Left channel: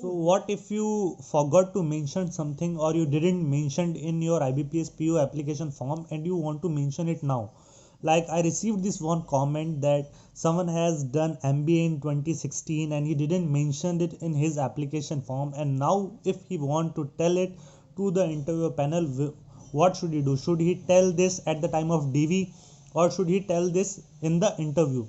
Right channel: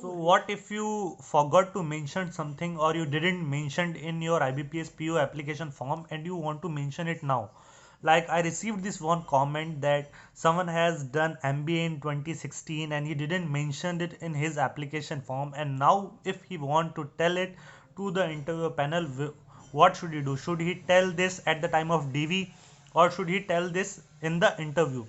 So what if you forgot to mention something or you didn't mention in your IBPS PO application form and you want to mention it now? Like I received this one comment that someone has done MBA in 2016 and he didn't mention it in his application form, and now if he want to tell it to the interview panel, what should he do? Should he tell this at the time of DV or should he tell this in the interview?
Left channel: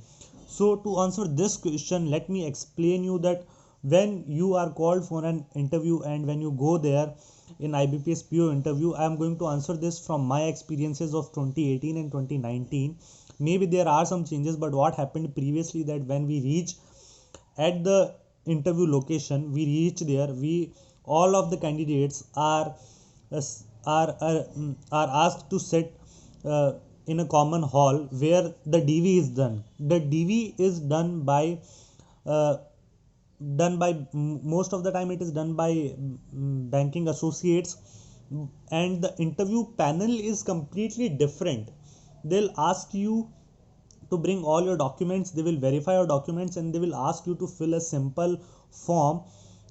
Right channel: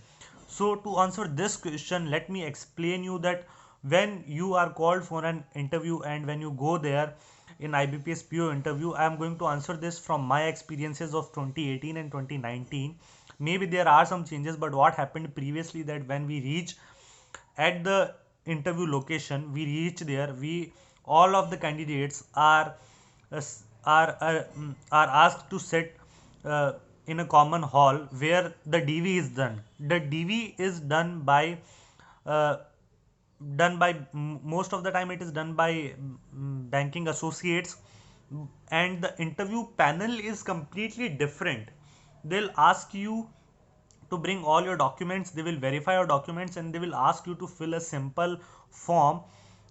So to answer this question, let me explain you that when you are called for an interview and when you go there in IBPS PO interview, I am going to answer this from my experiences of 2018 and 2019. Maybe there are some changes, but what happened previously that when we reach at the interview location, we reach there, we all of the candidates are are asked to sit in a common hall where the DV is done. The DV is uh, done by most of the time it is done by banking associates, and the interview panel is completely different. They'll ask you to bring all your documents, they will verify your documents and they will ask you to fill a simple form,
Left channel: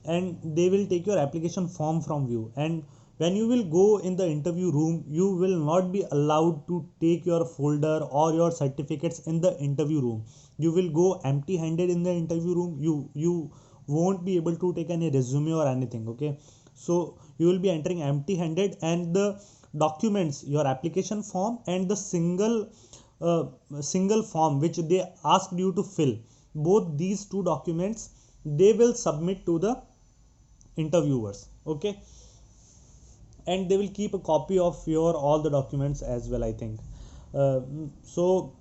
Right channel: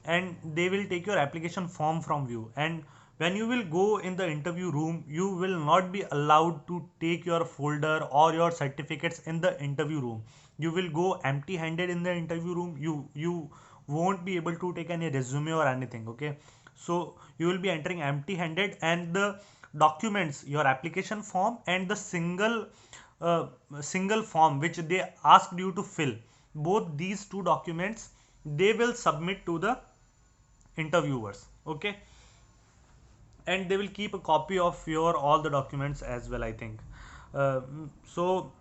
and they will take your application form from you. And when you will go in the interview room, you will not be allowed to take your folder or your certificates in the interview room. You will go empty handed in the interview room. You won't be able to take any resume or anything. Okay, so you will be entering empty handed, and the documents, your application form and the uh, single form which they asked you to fill, both these two documents they will submit to the interviewers. Okay, and they will keep a copy of your all the documents as well, I think. So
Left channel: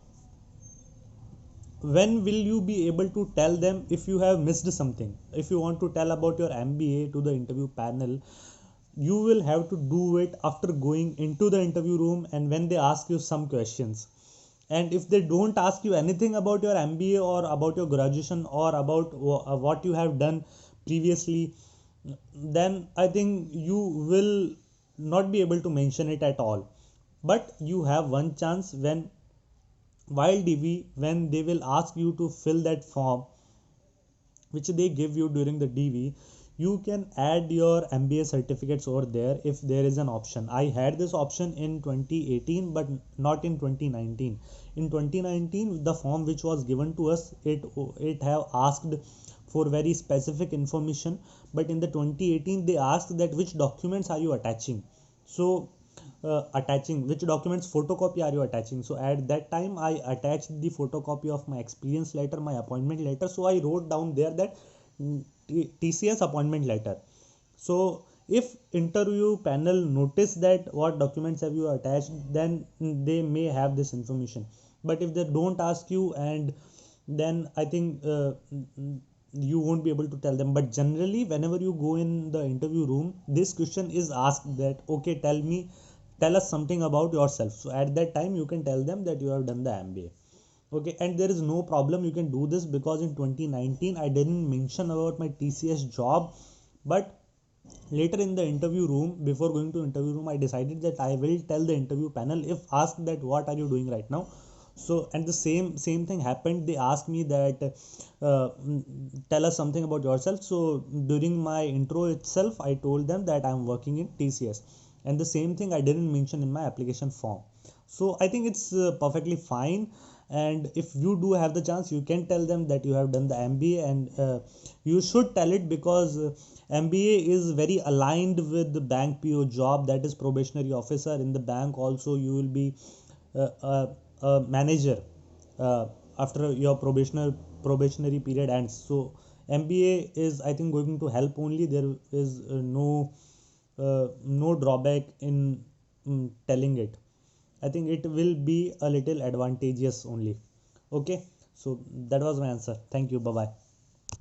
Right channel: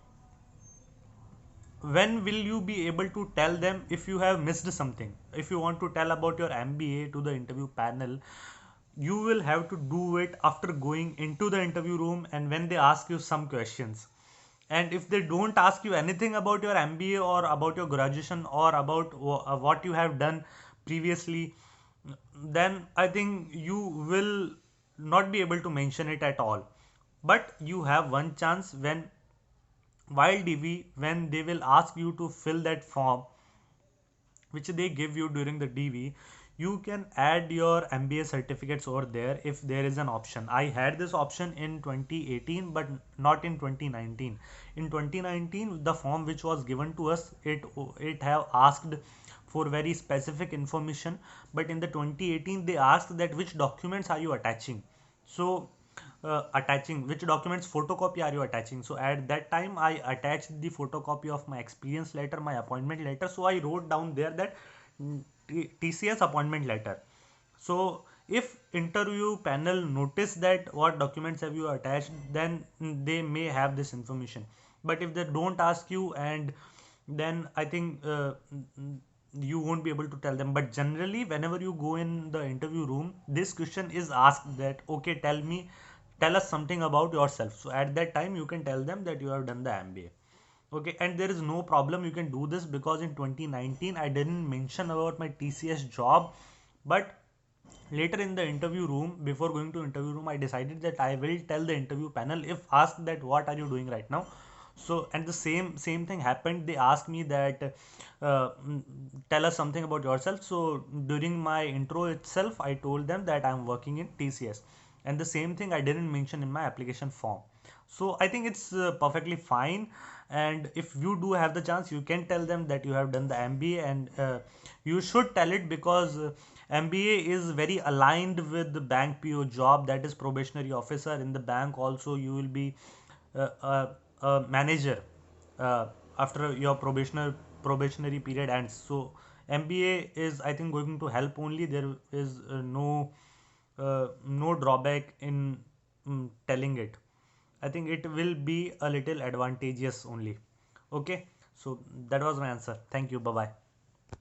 when will you be able to tell them if you have missed something? If you want to tell about your MBA to the interview panel, you will have to do it after going into the interview room and when they ask you some questions. And if they don't ask you anything about your MBA or about your graduation or about what you have done previously, then I think you will not be able to mention it at all. But you have one chance when while DV, when they will ask you to fill that form which they give you during the DV, you can add your MBA certificates over there if there is an option. I had this option in 2018 but not in 2019. In 2019 the form which was given to us, it have asked for very specific information, but in the 2018 they asked that which documents are you attaching. So attaching which documents photocopy are you attaching. So at that time I attached the photocopy of my experience letter, my appointment letter. So I wrote down there that TCS appointment letter. So if interview panel notice that what documents have you attached, then they may have this information. But if they don't ask you, and then I think you won't be able to tell them. But generally whenever you go in the interview room, this question is asked that okay, tell us something about yourself. So at that time you can tell them that you have done the MBA. Okay, and there is no problem, you can do this because in 2019 I didn't mention about my TCS job. But later in the interview room, before going to interview room, I decided that I will tell the interview panel if asked that what are you doing right now. So and the same thing happened, they asked me that tell us something about yourself. So during my intro itself I told them that I'm working in TCS, and the same thing I didn't mention in my application form. So I think it's perfectly fine. And if you do have the chance, you can tell them that you have done the MBA, and you should tell it because MBA is very aligned with the bank PO job, that is probationary officer in the bank. Also you will be a manager uh, after your probationary period ends. So MBA is, I think, going to help only. There is no drawback in telling it. I think it will be a little advantageous only. Okay, so that was my answer. Thank you. Bye bye.